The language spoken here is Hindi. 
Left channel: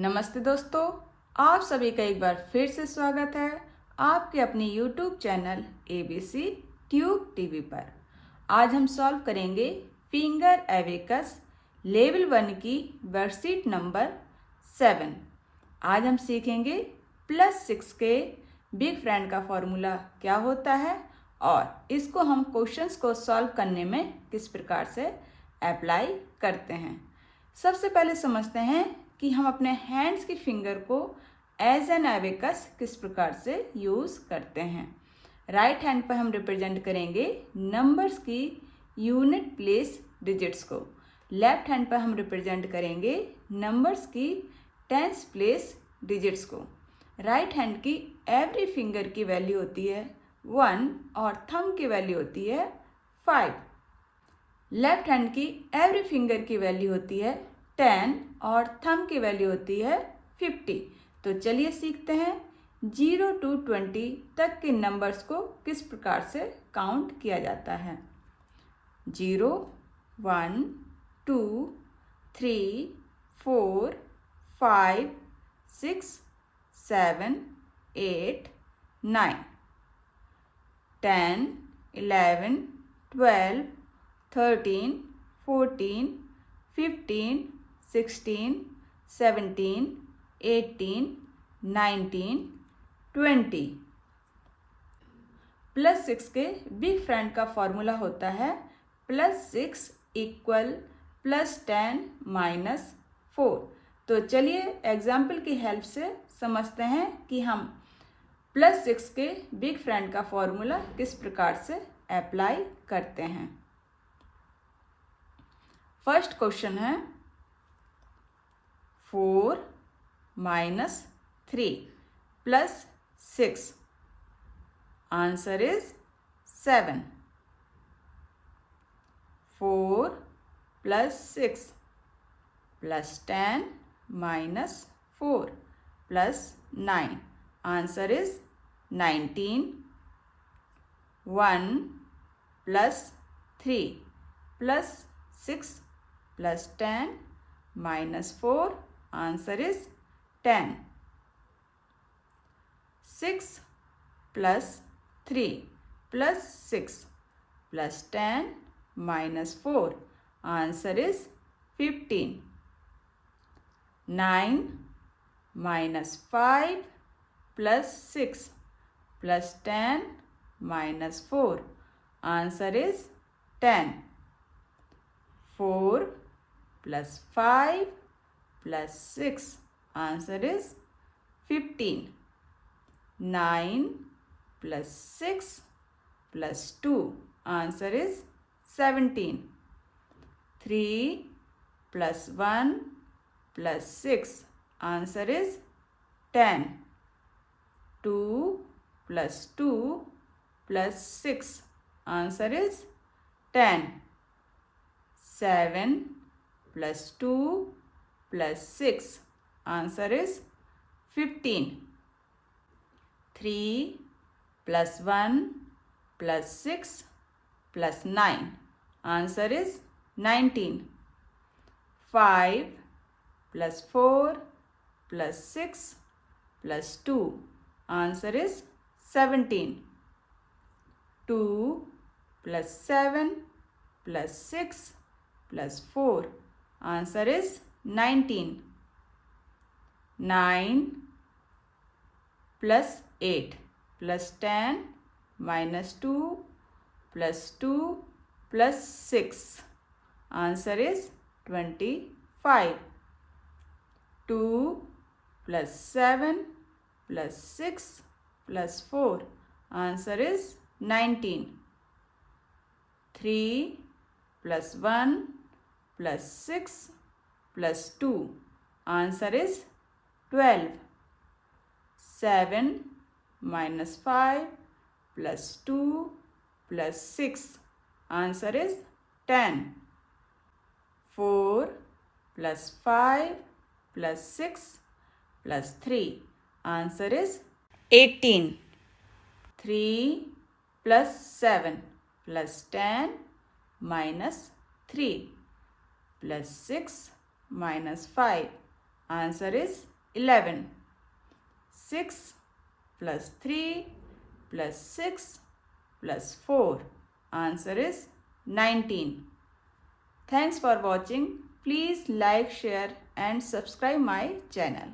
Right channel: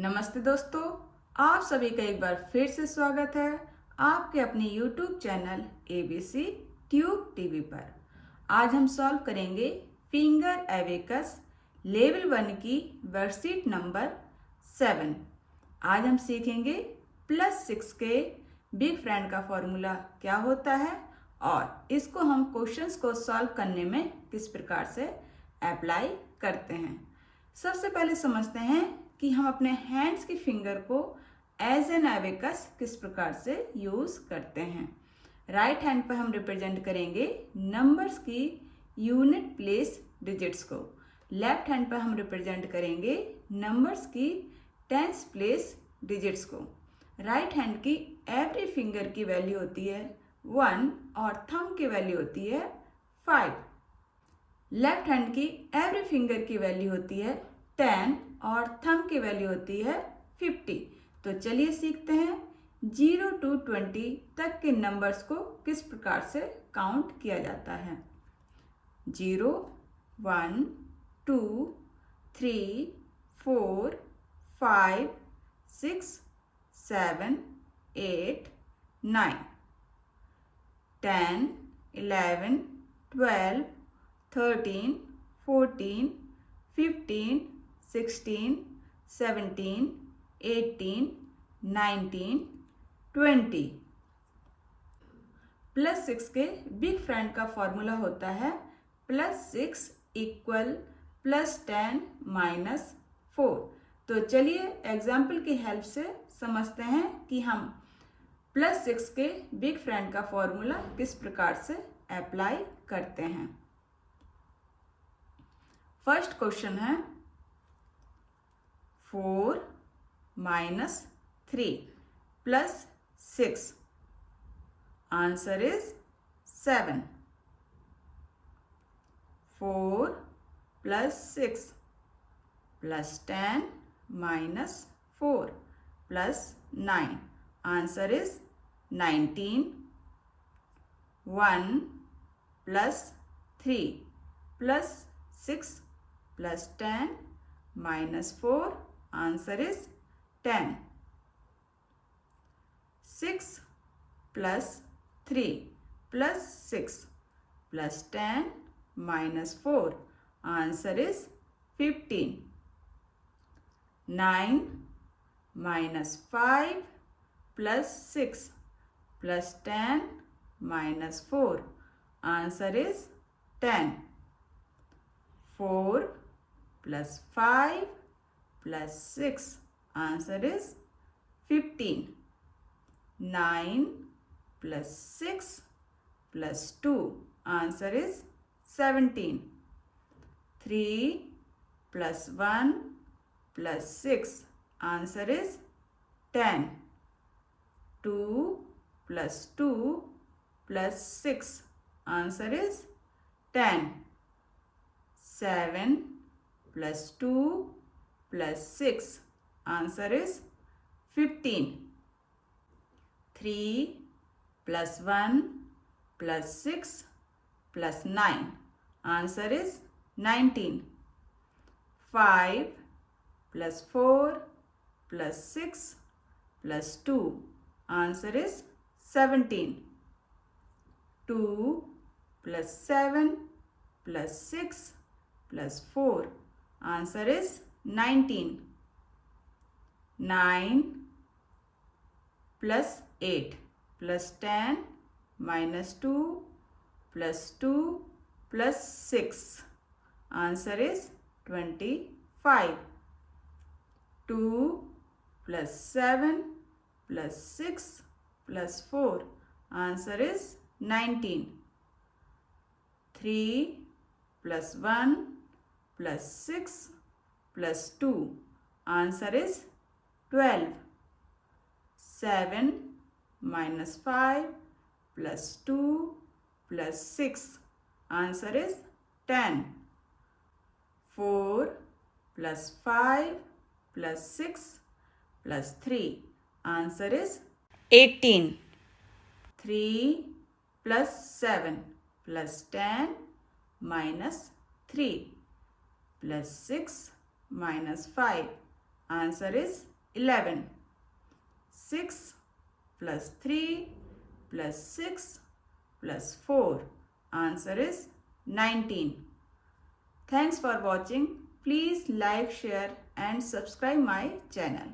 नमस्ते दोस्तों, आप सभी का एक बार फिर से स्वागत है आपके अपने YouTube channel ABC tube TV पर। आज हम सॉल्व करेंगे फिंगर एबेकस लेवल 1 की वर्कशीट नंबर 7। आज हम सीखेंगे +6 के बिग फ्रेंड का फॉर्मूला क्या होता है और इसको हम क्वेश्चंस को सॉल्व करने में किस प्रकार से अप्लाई करते हैं। सबसे पहले समझते हैं कि हम अपने हैंड्स की फिंगर को एज एन एबेकस किस प्रकार से यूज़ करते हैं। राइट हैंड पर हम रिप्रेजेंट करेंगे नंबर्स की यूनिट प्लेस डिजिट्स को, लेफ्ट हैंड पर हम रिप्रेजेंट करेंगे नंबर्स की टेंस प्लेस डिजिट्स को। राइट हैंड की एवरी फिंगर की वैल्यू होती है 1 और थंब की वैल्यू होती है 5। लेफ्ट हैंड की एवरी फिंगर की वैल्यू होती है 10 और थंब की वैल्यू होती है 50। तो चलिए सीखते हैं 0 to 20 तक के नंबर्स को किस प्रकार से काउंट किया जाता है। 0, 1, 2, 3, 4, 5, 6, 7, 8, 9, 10, 11, 12, 13, 14, 15, 16, 17, 18, 19, 20। +6 के बिग फ्रेंड का फॉर्मूला होता है +6 = +10 - 4। तो चलिए एग्जाम्पल की हेल्प से समझते हैं कि हम +6 के बिग फ्रेंड का फॉर्मूला किस प्रकार से अप्लाई करते हैं। फर्स्ट क्वेश्चन है 4 - 3 +6। Answer is 7। 4 + 6 +10 - 4 +9। Answer is 19। 1 + 3 +6 +10 - 4। Answer is 10. 6 + 3 +6 +10 - 4. Answer is 15. 9 - 5 +6 +10 - 4. Answer is 10. 4 + 5 + 6. Answer is 15. 9 + 6 + 2. Answer is 17. 3 + 1 + 6. Answer is 10. 2 + 2 + 6. Answer is 10. 7 + 2 + 6. Answer is 15. 3 + 1 + 6 + 9. Answer is 19. 5 + 4 + 6 + 2. Answer is 17. 2 + 7 + 6 + 4. Answer is 19. 9 + 8 + 10 - 2 + 2 + 6. Answer is 25. 2 + 7 + 6 + 4. Answer is 19. 3 + 1 + 6 + 2. Answer is 12. 7 - 5 + 2 + 6. Answer is 10. 4 + 5 + 6 + 3. Answer is 18. 3 + 7 + 10 - 3 + 6 - 5. Answer is 11. 6 plus 3 plus 6 plus 4. Answer is 19. Thanks for watching. Please like, share and subscribe my channel.